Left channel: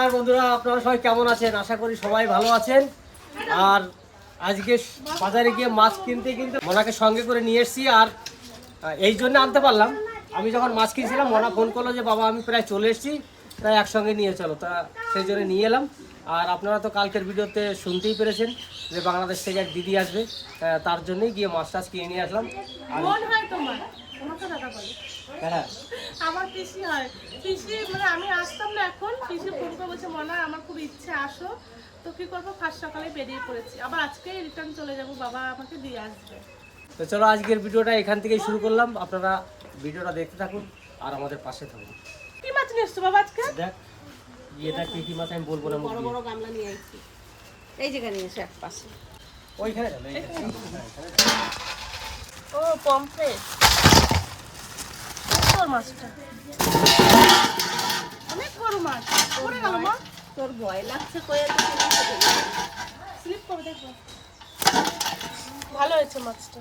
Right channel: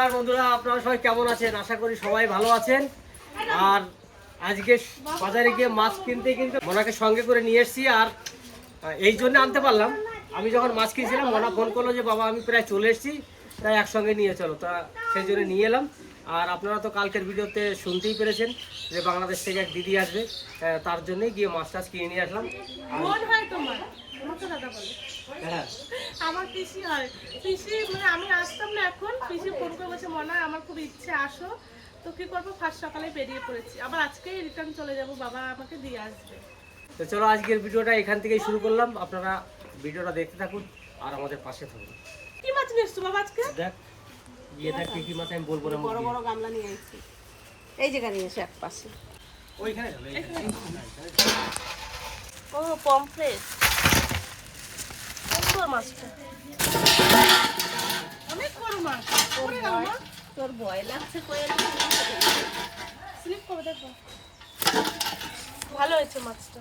নমস্কার বন্ধুরা, আপনারা সবাই কেমন আছেন? আশা করি সবাই ভালো আছেন। আর আজকে বাজারে গিয়ে মাছ কিনতে কিনতে মনাকে সঙ্গে করে নিয়ে এসেছি। আর এই জন্য আনতে পারলাম, আমি যখন মাছ কিনছিলাম মনা ফোন করলো যে বাবা আমি প্রায় চলে এসেছি, প্রায় একসঙ্গে নিয়ে চলো। তা সেই জন্য নিয়ে এলাম। আর আপনারা তো কালকের ভিডিওতে শুনতেই পেরেছেন যে বাংলাদেশ থেকে এক দিদি আসবে, তার জন্যই গিয়ে মাছ টাছ কিনে নিয়ে আসলাম। হ্যাঁ, আমার পিসি হয়, পিসি মানে আমি আসতাম না, এখন পিসি ফোন করে বলছে মনা আমার খুব ইচ্ছে আসো। তো কি করবো, ফার্স্ট সকালে বেরিয়ে পড়েছি, আবার আজকেই রিটার্ন চলে যাব, বাবা আমাকে দিয়ে আসবে। তো চলো আজকের ভিডিওটা এখান থেকেই শুরু করলাম। আপনারা ভিডিওটা দেখতে থাকুন আর আমাদের পাশে থাকুন। কি মাছ নিয়ে এসছো বাবা আজকে? দেখ এটা কি মাছ আমি বলবো না, বড় বড় গামলা নিয়ে আসছি, এই জায়গা নিয়ে এসে এক পাশে। ওইখানে ও পমফ্রেট, তোর মাছটা অনেক বড় মাছ। পড়ে গেল মা, তোর ভয় লাগছে কই এত স্লিপ করে দেখো। ভালো হয়েছে মাছটা।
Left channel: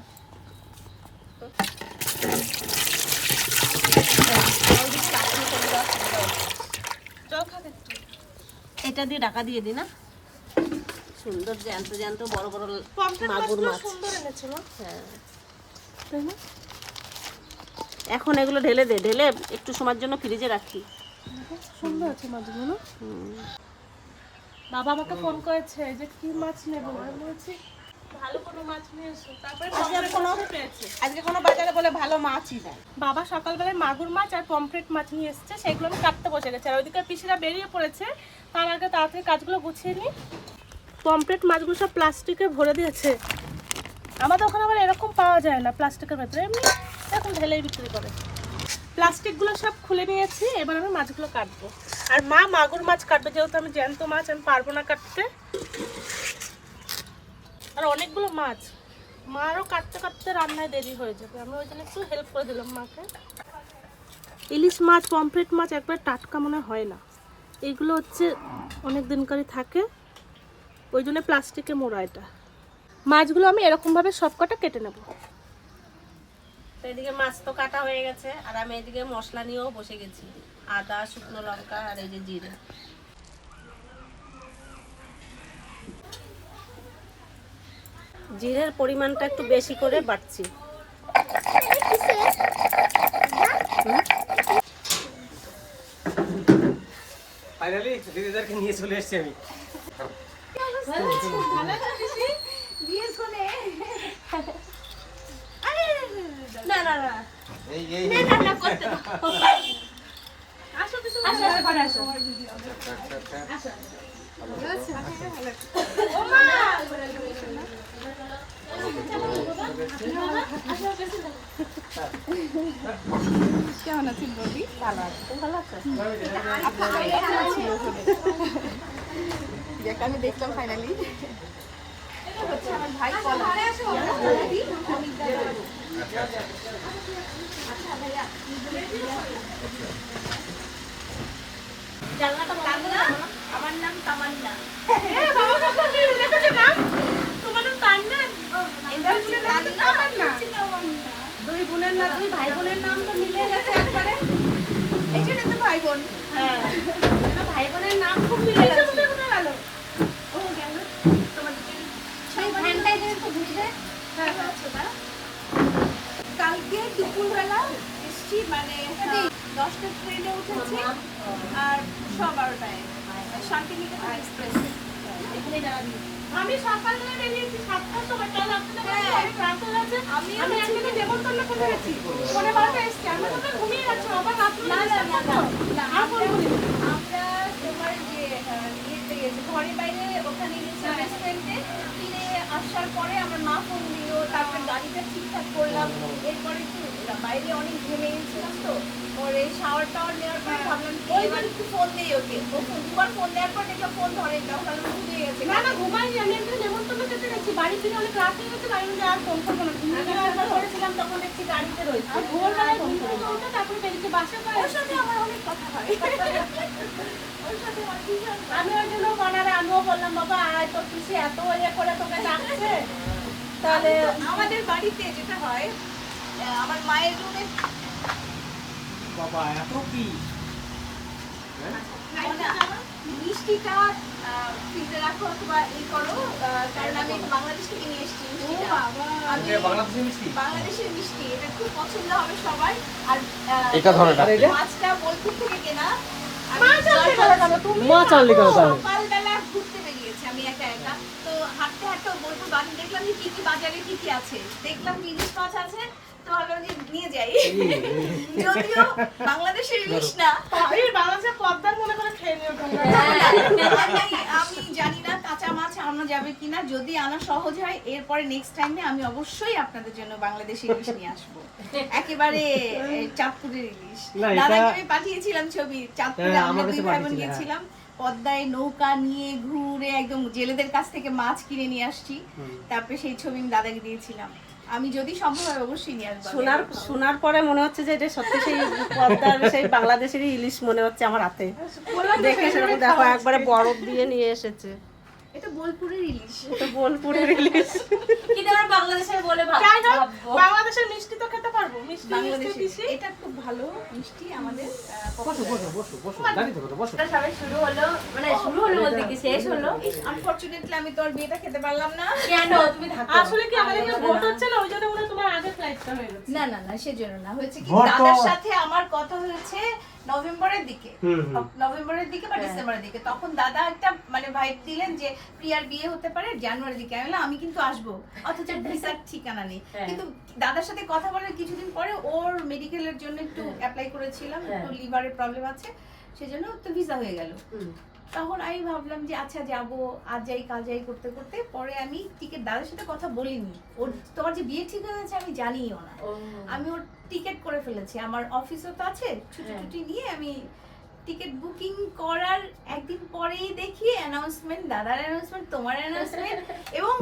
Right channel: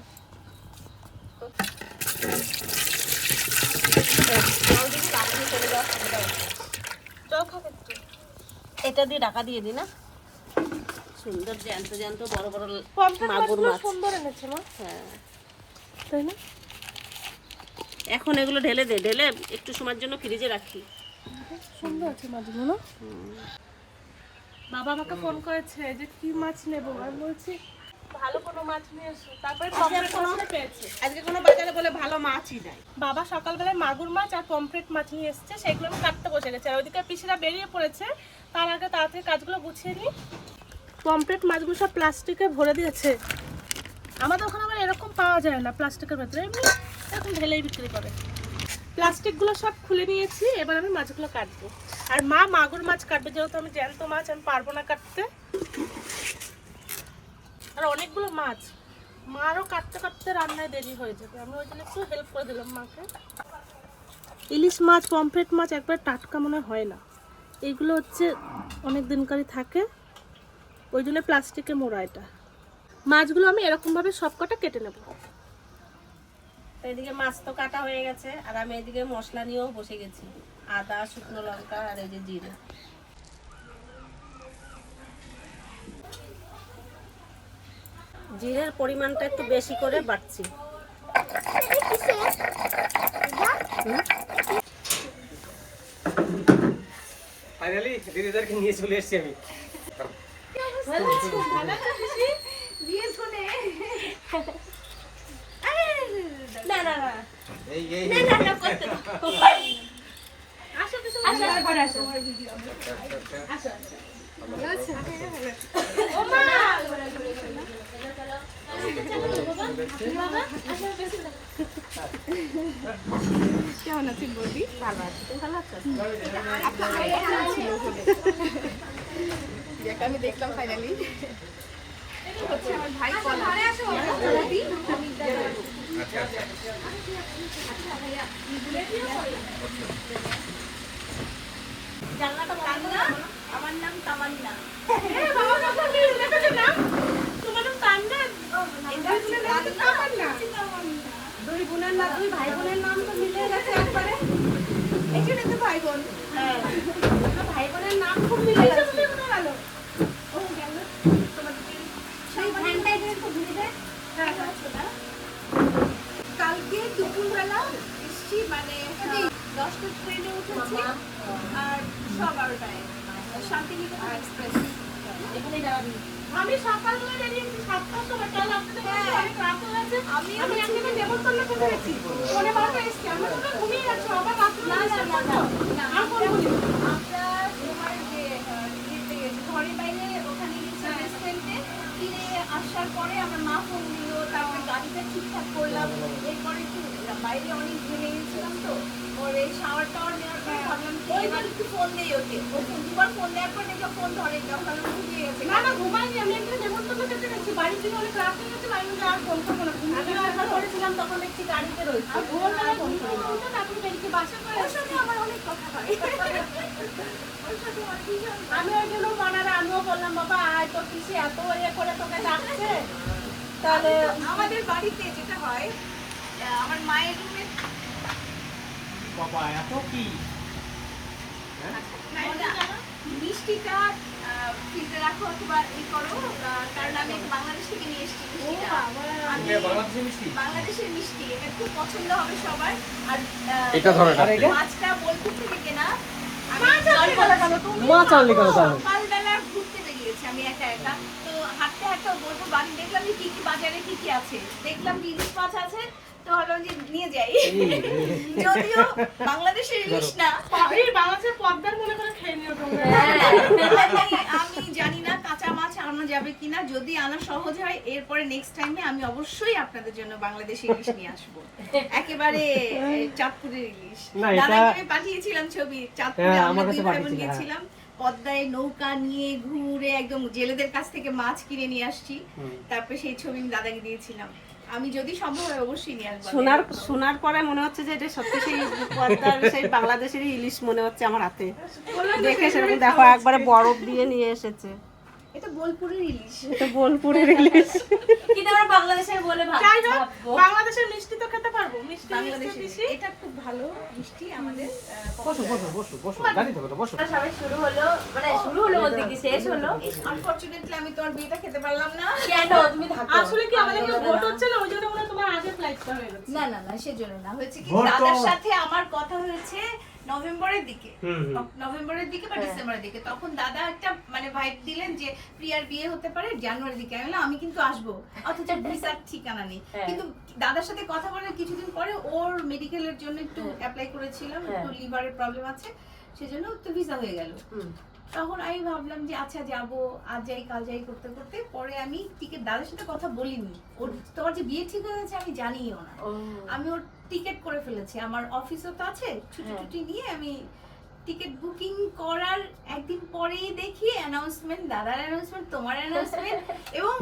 এটা দিয়ে ঢাকা দিয়ে দি না, সুন্দর জ্যান্ত জ্যান্ত বড় বড় মাগুর মাছ সুন্দর এনেছে না? হ্যাঁ, তাই না? এখন এগুলো ঢেলে দে, ঢেলে একটু সময়ের জন্য ফ্রিজে রাখি। সুন্দর আছে মাছগুলো না? বাবা আমাকে ফোন করেছে যে কি মাছ নেবো, আমি বলছি ভালো কোনো মাছ নিয়ে এসো। তারপরে আজকে কোনো বাজারে বলে ভালো মাছই নাই। বাবা সকালবেলায় মাগুর মাছ আর পমফ্রেট মাছ নিয়ে এসেছে, সেগুলো আমি কাটতে বসে গেছি। আর ওইদিকে পিসিরা বেরিয়ে পড়েছে, তার আগে তাড়াতাড়ি কাজগুলো গুছিয়ে নিই। পমফ্রেট মাছগুলো সব প্লাস্টিকে ভরে দিয়েছে। আমাদের ওখানে আবার এরকম পাওয়া যায় না প্লাস্টিকের ভেতরে, এমনি এরকম ঢেলেই বিক্রি করে। প্লাস্টিকগুলো সব খুলে নিয়েছি, এবার আমি মাছগুলো কাটবো। আর মা মাগুর মাছ কাটবে, যেহেতু আমি জ্যান্ত মাছ আমি পারবো না কাটতে। আর অনেকগুলো মাছ, মারও কাটতে কাটতে রান্নায় দেরি হয়ে যাবে, আমি ওই জন্য একটু হেল্প করে দিলাম মাকে। ইলিশ মাছ পমফ্রেট মাছ একবার টাটকা মনে হয় না, এইগুলো হচ্ছে অনেক দিনকারই থাকে, ওই জন্য প্লাস্টিকে মোড়া। এটা মাছগুলো আমি এরকমভাবে সব কটা কেটে নেব। এদিকে মাছ তো কাটা হয়ে গেছে, আর আমি এদিকে মশলা নিয়েও বসে গেছি। আদা, শুকনো লঙ্কা আর এই যে জিরে। জিরের পরিমাণটা একটু বেশি করে বাটছি। ফাইনালি দিদিদেরকে নিয়ে চলে এসেছি আমি। কেমন আছেন বলবি? ভালো আছে, তুমি ভালো আছো? দেখ আমি দেখলাম ফাইনালি। আমার ভাই জানলাটা বাংলা। আমার নাম তামান্না। দুই বোনের না, দুই ভাই বোনের নাম তো মিলে গেছে একবারে। এই জন্য তো ভাই বোন। হ্যাঁ, ভাই বোনের নাম খুব মিলে গেছে। কালকে দুপুরবেলা এসছি, মানে 10টার ট্রেনে উঠেছি আর 12টায় শান্তিনিকেতন এক্সপ্রেস। আমি সকালবেলা বেরিয়েছি 7টার সময়, কাল আপনাদের অনেক রাত হয়ে গেছে। আমি এখানে নেমন্তন্ন করে গেছি, 12:30 এসছি। আমি তো ঘুমিয়ে যাচ্ছি, আবার রাত না আর বলবো আমরা তোমার যে ইয়েতে গেছি ঘরের বাইরে, ওখানে গেছি রেস্টুরেন্টে। ফিরে আসার পরে আমার মা ফোন দিল, তারপরে গাড়িটা ঠিকঠাক করলাম। এরপরে একটু বাইরে অনেক ঘেমে গেছিলাম, তো পরে শাওয়ার টাওয়ার নেওয়ার পর ভাবলাম এবার একটু ফোন নেই ওকে। ও দুবার ফোন দেওয়ার পর দেখলাম ফোন ধরে না, ভাবলাম ঘুমিয়ে গেছে। না না ঘুমাইনি, আমি একদিন নেমন্তন্ন করতে গেছি, বাড়ি ফিরে অনেক রাত হয়ে গেছে, বাড়ি ফিরে আর ফোন করবো না। আমি একবার করেছিলাম, তখন দেখছি গাড়িতে রয়েছে। আর ভোরবেলায় ফোন করে তারপরে বেরিয়ে বাসা করে। ওর সাথে আমার অনেক কথা হয়, ওর সাথে আমার ভীষণ। আমি ওই জন্য মনারে আমিও বললাম বাবা আয়, তো পিসি এত ইয়ে করে তোকে ডাকছে। তাহলে আমাদের বাড়িতে যেটা হয়, আমার মায়ের রুমে বাবা এত কি মিষ্টিটা ফ্রিজে রাখো অথবা ই করো, কারণ আমি বাংলাদেশ থেকে নিয়ে এসেছি মিষ্টিটা। আমি বাংলাদেশি মিষ্টি বাংলাদেশের মিষ্টি, এটা খুব পছন্দ হবে সবার। আর এটা ধরো, আর এটা মাছটা বোলপুর থেকে কেনা। মাছ আনতে গেলে কেন তুমি? মাছ আনলি কেন তাহলে? সকালবেলা ঘুরতে বেরিয়েছি আমি একা একা, তো হাঁটতে হাঁটতে বোলপুর বাজারে দেখলাম যে কি কি বাজারে কি কি আছে, দেখলাম যে ইলিশ মাছ আছে, তো ভাবলাম যে নিয়ে যাই। যদিও বাংলাদেশের ইলিশ না, বাংলাদেশের পদ্মার মনে করে খেয়ে নিও তোমরা। আমি জানি না কাঁচা মাছ আনা যাবে কিনা, যদি আনা সহজ হয় এরপরে নেক্সট টাইমে আমি অবশ্যই আপনাদের জন্য বাংলাদেশি ইলিশ নিয়ে আসবো, একেবারে চাঁদপুরের ইলিশ। না, এটা- দাদাকে আমি পাঠিয়েছিলাম ছবি, চাঁদপুরে হ্যাঁ, আমরা আমার কাছে দুই ভাই বোন পাঠিয়েছিলে, গেছিলাম, পদ্মায় নৌকা নিয়ে ঘুরে একদম জেলেদের কাছ থেকে মাছ কিনে নিয়ে আসছি, তারপরে সেই ছবি আমি দাদাকে দিয়েছিলাম। আমি যদি সম্ভব হয় অবশ্যই নিয়ে আসবো। শোনার পরে মনে হচ্ছে যে এটা সত্যি সেই পদ্মার সেই বাংলাদেশের ইলিশ মনে হচ্ছে আমার হাতে দেখে, সেরকম দেখো একবারে বরফ দিয়ে নিয়ে এসেছে। এটা বোলপুরের ইলিশ। এটা বোলপুরের ইলিশ। কিন্তু আমরা বাংলাদেশের বলে ভাববো। বাংলাদেশের মিষ্টি তো খেতে পারবো, মিষ্টি বাংলাদেশে এটা খুব ভালো মিষ্টি আমাদের বসো বসো বসো বসো, দাঁড়িয়ে থাকো তো, বসো। সবাই শুরু হলো, মানে শুরু হলো বলতে কি শেষ হলো। আনফরচুনেটলি আমি তোর বিয়েটা খেতে পারলাম না। কেন তুমি থাকো? আসলে কি আমাদের কেউ ভোট হচ্ছে না, ওই জন্য মনে হয় তোমার আগে ফ্লাইটটা হয়ে গেছে। না না না, সেজন্য না, হয়েছে কি ভোট তো- দাদার সাথে আমার কথা হয়েছে নভেম্বরের দিকে, হুম, হুম। নভেম্বরের দিকে বা ডিসেম্বরের দিকে, তখন দাদা একটা মানে ভাইব দিলেন যে প্রিয়ার বিয়ে হতে পারে জানুয়ারির দিকে। আমি বললাম আমি কিন্তু আসবো, অথচ ভিসার ঠিকানা নেই। কিন্তু দাদার সাথে কথা বলার কিছুদিন পরে ওর মেডিকেলের জন্য একটু অ্যাপ্লাই করেছিলাম, একটু লিভারের প্রবলেম আছে, সেজন্য তো ভিসা হয়ে গেল। তখন আমি ভাবলাম যে আচ্ছা যাবো, আজ যাই কাল যাই করতে করতে পরে আমি টিকিট, দাদার সাথে কথা বলিনি, ওর তোমার যে বিয়ে ঠিক হয়ে গেছে আমি জানিও না, আমি ওর টিকিট করে ফেলেছি, আমার অফিসও তো আছে, ছুটি ছুটি নিয়ে আমি টিকিট বুকিং করার একদিন পরেই দেখি অ্যানাউন্সমেন্ট, দাদার অ্যানাউন্সমেন্ট, তোমার অ্যানাউন্সমেন্ট, এবং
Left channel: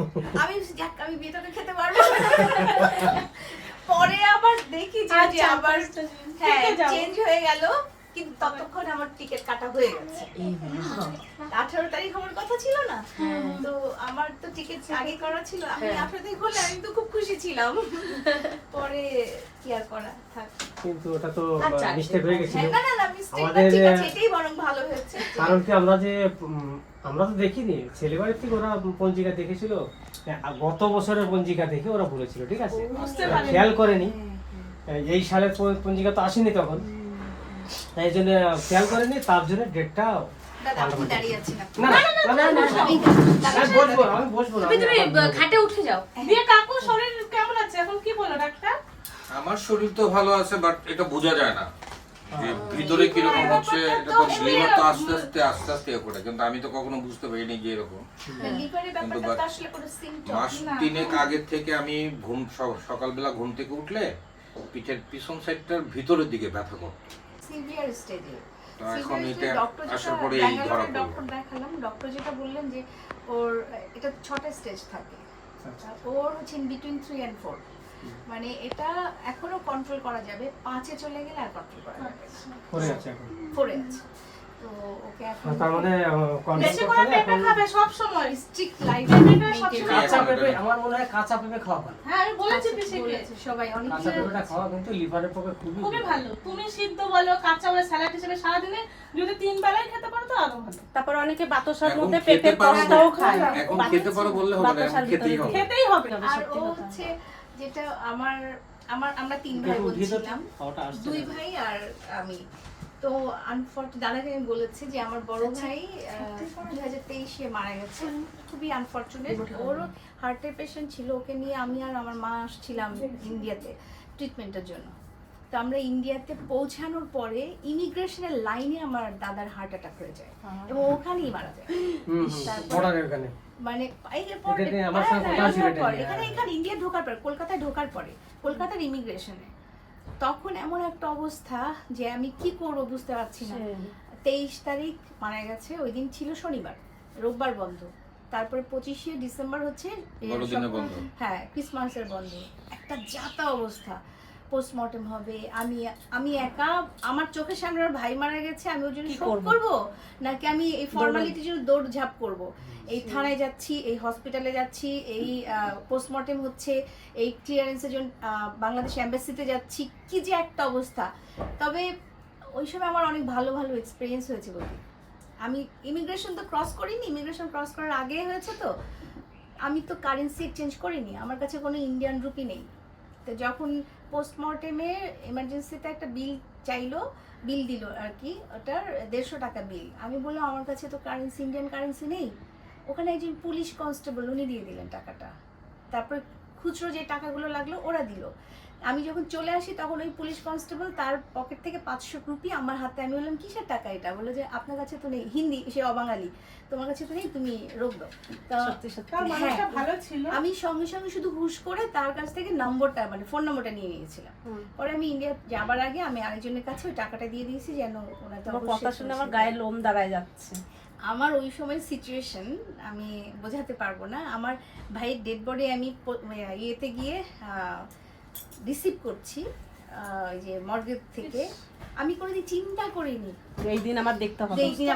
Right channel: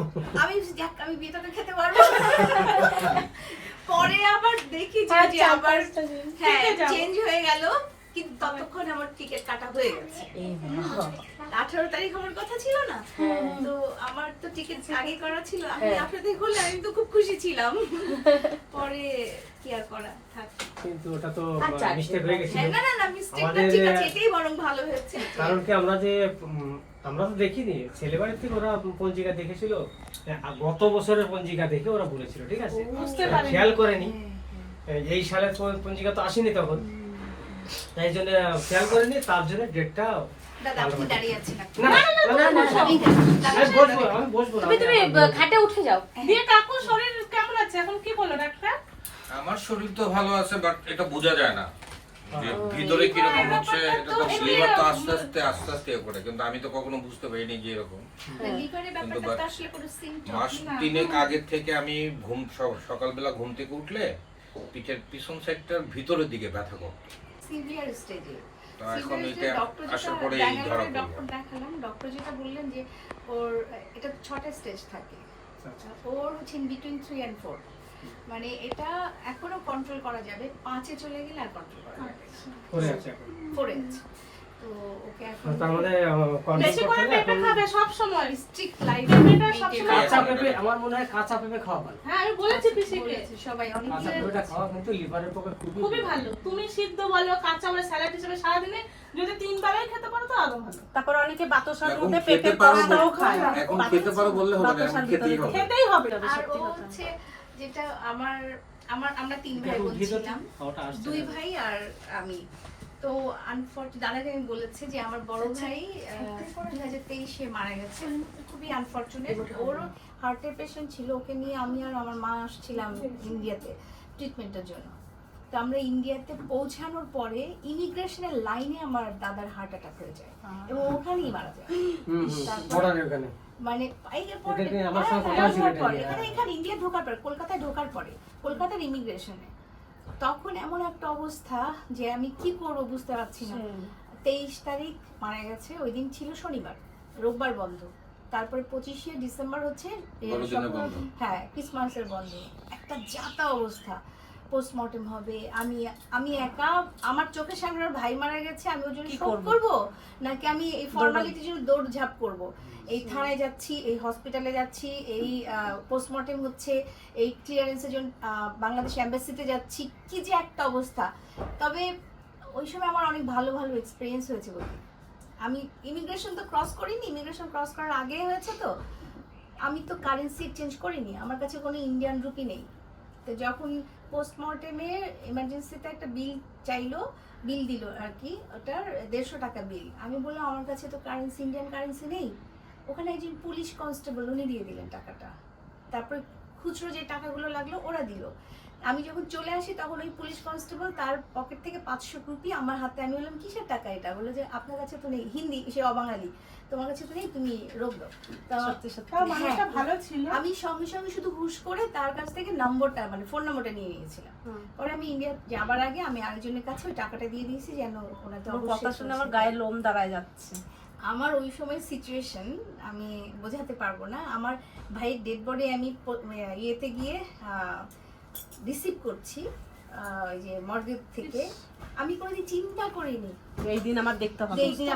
আমি যাক আমি বিয়েটাকে খেতে পারবো। পরে আবার দেখি যে আবার হ্যাঁ চেঞ্জ হয়ে গেল, কিন্তু ততক্ষণ আমার টিকিট কাটা হয়ে গেছে। 18 তারিখ আমার কথা ছিল না, তো আমার তো টিকিট আগে করা ছিল, আমি 18 তারিখ হলে আমি তো খুব খুশি ছিলাম। পরে কি আর করা, থাক। কিন্তু ওটা তো মিস্টেক হয়ে গেছিল। না না না, মিস্টেক না, আমাদের- ঠিক আছে, এটাই বরং ভালো হয়েছে। কারণ কি আমরা যে আমরা তো দেখিনি, ছেলেবাড়ির থেকে ওরা পঞ্জিকা দেখেছিল, গত বছরের পঞ্জিকা দেখে ওরা বলেছিল, ঠিক আছে, খেয়াল করেনি এই সালের পঞ্জিকা তো আসেনি তখন, তাই জন্য খেয়াল করেনি, তার জন্য ডেটটা। দাদা আপনি দাঁড়িয়ে আছেন না না না, আমি বসবো, আমি বসবো না, তুমি খাটে উঠে যাও। দিয়ে কাকুর শরীর কেমন আছে এখন, কি বলো ডাক্তার? আমার শরীর তো ভালো আছে, বাট এটা বোঝা যায় না যে ভিতরে কিরকম হচ্ছে। এটা তো লিভার তো আস্তে আস্তে আস্তে এ করে, কিন্তু আমি তো কখনো বুঝতে পারিনি যে এরকম। লিভারের কিন্তু ব্যাপারটা তো আসলে কোনো সিম্পটম মাস না। 3 আগের থেকে আমি সকালবেলা ঘুম থেকে উঠলে পিঠের পিছন সাইডটার ভিতরের দিকে ব্যথা করতো। সিভিয়ার স্টেজে। তো এখন এটা আসার পরে এই ধরা পড়লো। ডক্টর দেখালাম, ডক্টর যেটা বললেন যে ওর এটা 6টা স্টেজ থাকে, ওর হচ্ছে ইন বিটুইন 3 and 4, মানে এটা এখনো কন্ট্রোল করা যাবে, 5-এ চলে গেলে আর কন্ট্রোল করা যাবে না, করে আছে এখন। 4-এ আছে। তো ওকে এখন তার মানে কন্ট্রোল বেশি করতে করে হবে পেঁপে এখন। খাবে সব সময়। স্ট্রিক্ট লাইফ পেঁপেটা সবসময় কাঁচা পেঁপে, আমার মনে হয় কাঁচা পেঁপে খাওয়া ভালো। হ্যাঁ আমি বলেছি পিসিকে সবাই অনেক কাঁচা পেঁপেটা খাওয়া কিন্তু লিভারের পক্ষে খুবই খুবই ভালো। তুমি সিদ্ধ বলো, কাঁচা বলো, স্যালাড হিসেবে সারাদিনে যদি 3 বেলাই খেতে পারো তো আরো ভালো। তারপর অনেকে বাতাসের এখন মধ্যে খেতে পেঁপে পারো পরোটাও খায়। এখন খেতে পারো বললে হবে না, এখন খেতেই হবে। খেতেই হবে। আর ও হচ্ছে যেটা আমরা 3 ভাই বোন ছিলাম, খাওয়াটা আসছে 2 না। ভাই আর আমি। তো দাদাকে আমি বলেছি যে আমার বড় ভাই 2023-এ মারা গেছে, খুবই আনফরচুনেট। ওরও হার্টের পেশেন্ট ছিল, ওকে নিয়ে আমি আর আমার মা আসছিলাম ইন্ডিয়াতে ট্রিটমেন্টের জন্য। তো আমরা ইন্ডিয়াতে পৌঁছানোর পরে ইমিগ্রেশনের লাইনে আমার দাদার হার্ট অ্যাটাক হয়ে যায় এবং ওখানেই মারা যায়। বর্ডারের ওখানে। মানে এটাতে আমার সঙ্গে কথা ছিল এটা নিয়ে। এখানে ইন্ডিয়া ঢোকার পরে, কলকাতায় ঢোকার পরে, কলকাতার ইমিগ্রেশনে তখন এমন একটা অবস্থা যে আমি কি করবো বুঝতে পারছি না। 23 তারিখ মারা গেছে, ওই দিন ছিল শনিবার, রোববার বন্ধ, তারপরে 25শে ডিসেম্বর হচ্ছে বড়দিনের বন্ধ। হ্যাঁ ক্রিসমাসের বন্ধ, একটা যাতা অবস্থা। পোস্টমর্টেম হবে, আমি একা, আমার চোখের সামনে ওর ভাই মারা গেছে, আমি ওর জন্য শোক করবো নাকি আমি এই ফর্মালিটির জন্য দৌড়ঝাঁপ করবো। এই থানায় যাচ্ছি, এই হসপিটালে যাচ্ছি, এই পোস্টমর্টেম হচ্ছে, এই ক্লিয়ারেন্সের জন্য বাংলাদেশ এম্বাসিতে যাচ্ছি, কি যে একটা অবস্থা। তবে ওই সময় আমার অনেক ভালো ভালো এক্সপিরিয়েন্স হয়েছে বলতে, আমি ইমিগ্রেশন তো ক্রস করিনি, ইমিগ্রেশন ক্রস করার আগে হয়েছে তো আমি তো কারেন্সি এক্সচেঞ্জ করিনি, আমার কাছে কোনো ইন্ডিয়ান রুপি নেই। তো যখন পোস্টমর্টেমে এমার্জেন্সিতে একটা বিল চাইলো, বিল দিল আর কি, ওটার 150 টাকা বিল। আমি বললাম আমার কাছে তো কারেন্সি, ইন্ডিয়ান কারেন্সি নেই। ওখানে একজন পুলিশ কনস্টেবল উনি দিয়ে দিলেন টাকাটা, তারপরে খুচরো যে টাকাগুলো লাগলো ওরা দিল। আমি যখন চলে আসি তখন ওই পুলিশ কনস্টেবল তার পকেট থেকে 500 রুপি আমার হাতে, আমি বললাম কিসের টাকা এটা? বললো যে আপনার কাছে তো নেই, হিন্দি, সে অবাঙালি, তোমার কাছে তো নেই, তুমি রোগ দাও। সত্যি সত্যি মানুষটা ভালো ছিল। আমি সঙ্গে সঙ্গে শুধু হুশ করে তার কাছ থেকে নম্বরটা, মানে ফোন নম্বরটা নিয়ে নিয়েছিলাম। পরে আমি ইন্ডিয়া যাবার আগে আমি আরেকজনের কাছে ওই টাকাটা দিয়ে দিয়েছি যেন ওনাদের তোমার কথা শুনে আমার গায়ে লোম দাঁড়ায় যাচ্ছে। আমার ওই সময় সিচুয়েশন আমি বোঝাতে পারবো না। আমার ভাইয়ের ডেড বডি আমি ইয়েতে গিয়ে রিসিভ করছি ওই যে মর্গের থেকে, আমি কোনোদিন চিন্তা করিনি এই দিন আমার দেখতে হবে। এই দিন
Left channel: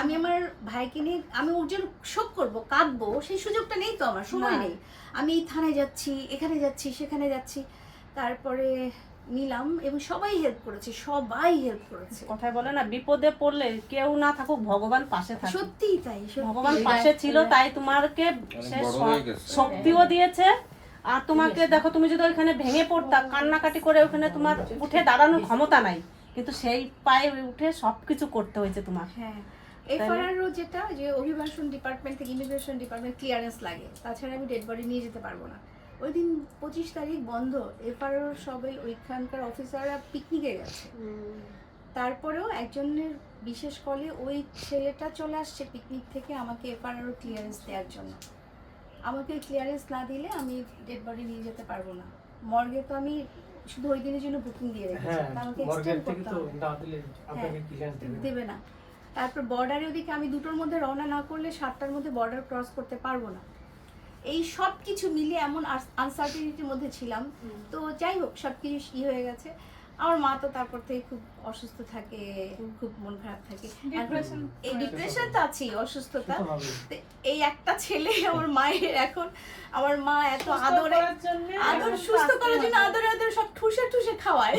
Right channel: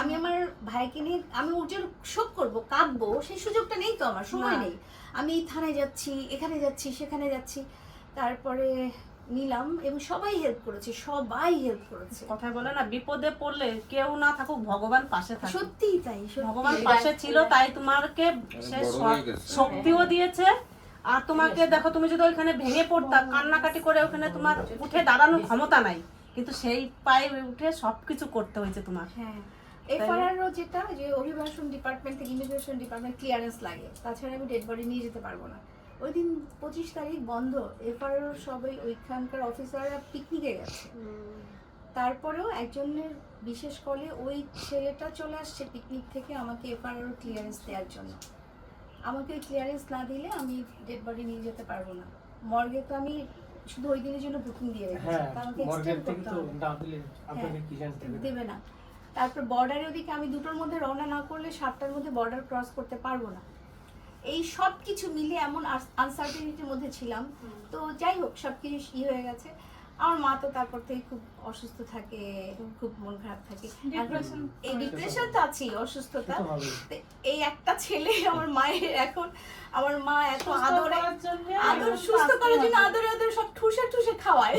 আমি আমার ভাইকে নিয়ে আমি ওর জন্য শোক করবো, কাঁদবো, সেই সুযোগটা নেই তো, আমার সময় নেই। আমি এই থানায় যাচ্ছি, এখানে যাচ্ছি, সেখানে যাচ্ছি, তারপরে নিলাম এবং সবাই হেল্প করেছে, সবাই হেল্প করেছে। কথায় বলে না, বিপদে পড়লে কেউ না থাকুক ভগবান পাশে থাকে। সত্যিই তাই, ভগবান পাশে ছিল, তাই তোমাকে সে বড় হয়ে গেছে। শক্তিও দিয়েছে। আর তোমাকে দেখো, তুমি যদি ওইখানে ভেঙে পড়তা, কান্নাকাটি করে, ওখানে তোমার উঠে দাঁড়ানোর ক্ষমতা নাই, কিন্তু সেই পায়ে উঠে সবকিছু করতে হয়েছে তোমার। হ্যাঁ, এফআরআরও যেটা যে অভিবাসন ডিপার্টমেন্ট থেকে ইমিগ্রেশন ডিপার্টমেন্ট ক্লিয়ারেন্স লাগে, তাছাড়া আমি ডেড বডি নিয়ে যেতে পারবো না। ওই দিন 25 তারিখ বন্ধ, এফআরআর সবাই ওইখানকার অফিসাররা পিকনিকে গেছে। তারপরেও একজনের বিশেষ কলে ওই ছেলেটা চলে আসছে পিকনিক থেকে আমাকে এফআরআর ক্লিয়ারেন্স দেওয়ার জন্য। আমাকে ক্লিয়ারেন্স না দিলে আমি ডেড বডি নিয়ে যেতে পারবো না। মর্গে তো আমি শুধু ওই দিনের জন্য বুকিং দিয়ে রেখেছি, আমাকে এক্সটেন্ড করতে হবে, দেবে না। তারপর বর্ডারে ওদিকে আমি 2টোর মধ্যে রওনা না করলে 7টার মধ্যে বর্ডার ক্রস করতে পারবো না। এই সব কিছু মিলিয়ে এমন আনসার্টেনিটির মধ্যে ছিলাম। তো যাই হোক, সব কিছু হয়ে গেছে। আমার মা তো তারপর থেকে খুব অসুস্থ থাকে, খুব মন খারাপ থাকে, এই ডিপ্রেশন তো আছেই, অসুস্থতা। এই একটা ছেলে আমার মায়ের, এখন আমার মা এত আদর সুস্থ করার জন্য আদরে আদরে সব ঠুসে ঠুসে খাওয়ায়।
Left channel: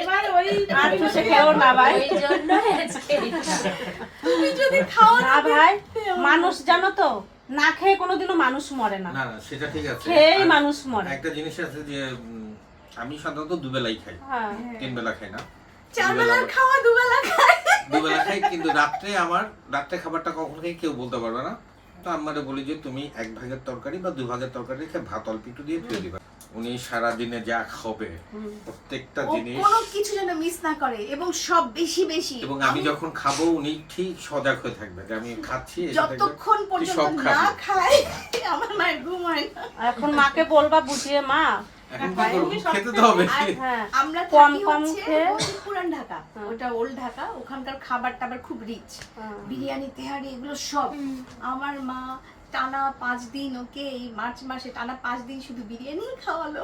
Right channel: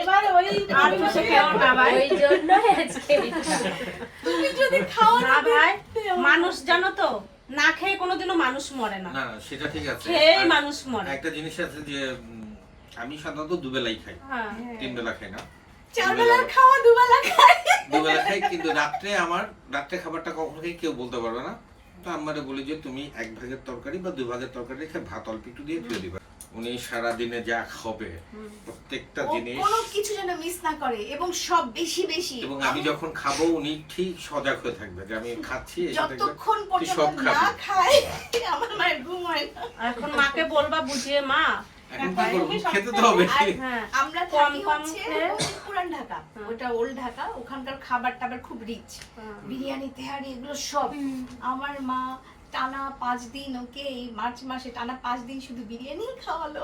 এবার ওই আর ঠুসে খাওয়ার বাবা, ওই জন্য তুমি যদি খাও না ভাই, মানুষ জানো তো, না খেয়ে কোনোদিনও মানুষ মরে না, না না সেটা ঠিক আছে, খেয়েই মানুষ মরে। একটা জিনিস আছে যে আমি সাধারণত দুবেলাই খাই, 3 বেলা খাই না, 4 বেলার খাওয়া 2 বেলা খাই, 2 বেলা খাই। কিন্তু রাত্রে খাবারটা কখনো কেউ বলতে পারবে না। তো আমারে বলি যে তুমি 1 ভাগের তরকারি বা 2 ভাগের তরকারি রেখে ভাত অল্প একটু দিয়ে দিয়ে দিবে। উনি সারাদিনে যা খাবে প্রত্যেকটা জিনিস কোনো কিছু যেন মিস না করে এবং সব বেশি বেশি। এবং আমি যখন খাবো উনি ঠিক সজাগ হয়ে থাকবে যে আমি খাচ্ছি, যতক্ষণ পর্যন্ত না খাই আমার মায়ের ঘুম হয় না। এখন মাকে বলবা বুঝিয়ে, মা এখন কি করবো, খেতে তো হবে। আমরা কম থাকি কম হচ্ছে খেয়ে, ওই পুরান ঢাকা, ওটা ওল্ড ঢাকা, ওখানকার খাবার টাবার খুব রিচ, বিরিয়ানি তেহারি এগুলো সব। আমার মা টানা 5 দিন ওকে এই মার্চ মাসে টানা 5 দিন শুধু বিরিয়ানি খাওয়ালো।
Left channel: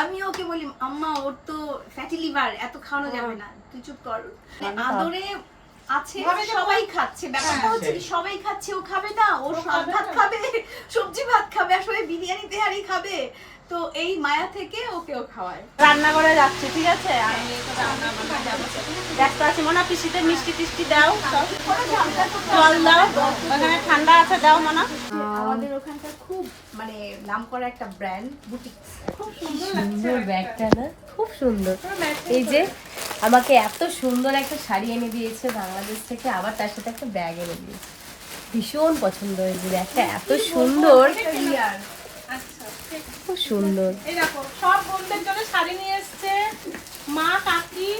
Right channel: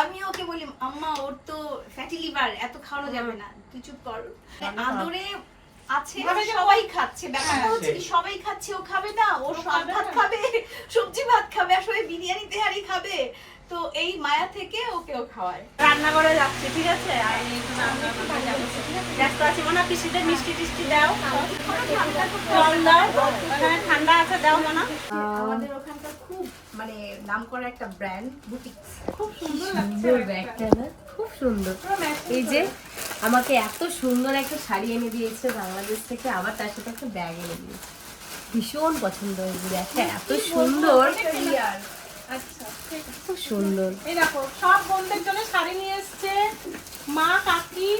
আমি ওকে বলি আম্মা ওর তো ফ্যাটি লিভার, এত খাওয়ানো যাবে না, তুই চুপ কর। আদরে আছে, সবাই খাচ্ছে, ব্যাপারটা হচ্ছে কি সবাই খাচ্ছে, ও খাবে না, ও শাক ভাত খাবে, সবজি ভাত খাবে, আর সবাই বিরিয়ানি তেহারি খাবে। তো এই মায়া থেকে ওকেও খাওয়ায়। রান্না করে যাচ্ছি, ঠিক আছে? আমি ব্যস্ত আছি, মনে হয় পিসিতে মিষ্টি টিষ্টি দাও, জল দাও, ওখানে ঠান্ডা আছে দাও মনে। আমাদের ওখানকার খুব মানে নামকরা একটা ব্র্যান্ড বুটিক, খুব সুন্দর সুন্দর ব্যাগটা না, খুব সুন্দর। এই যে আমাকে এত সুন্দর একটা শাড়ি এনে দিয়েছে বাংলাদেশ থেকে, আবার তার সাথে একটা ব্যাগ এনে দিয়েছে, ভীষণ পছন্দ হয়েছে ব্যাগটা, এত সুন্দর, খুব সুন্দর। এই দেখো সব বোনদের জন্য শাড়ি নিয়ে এসছে মা, কাকি,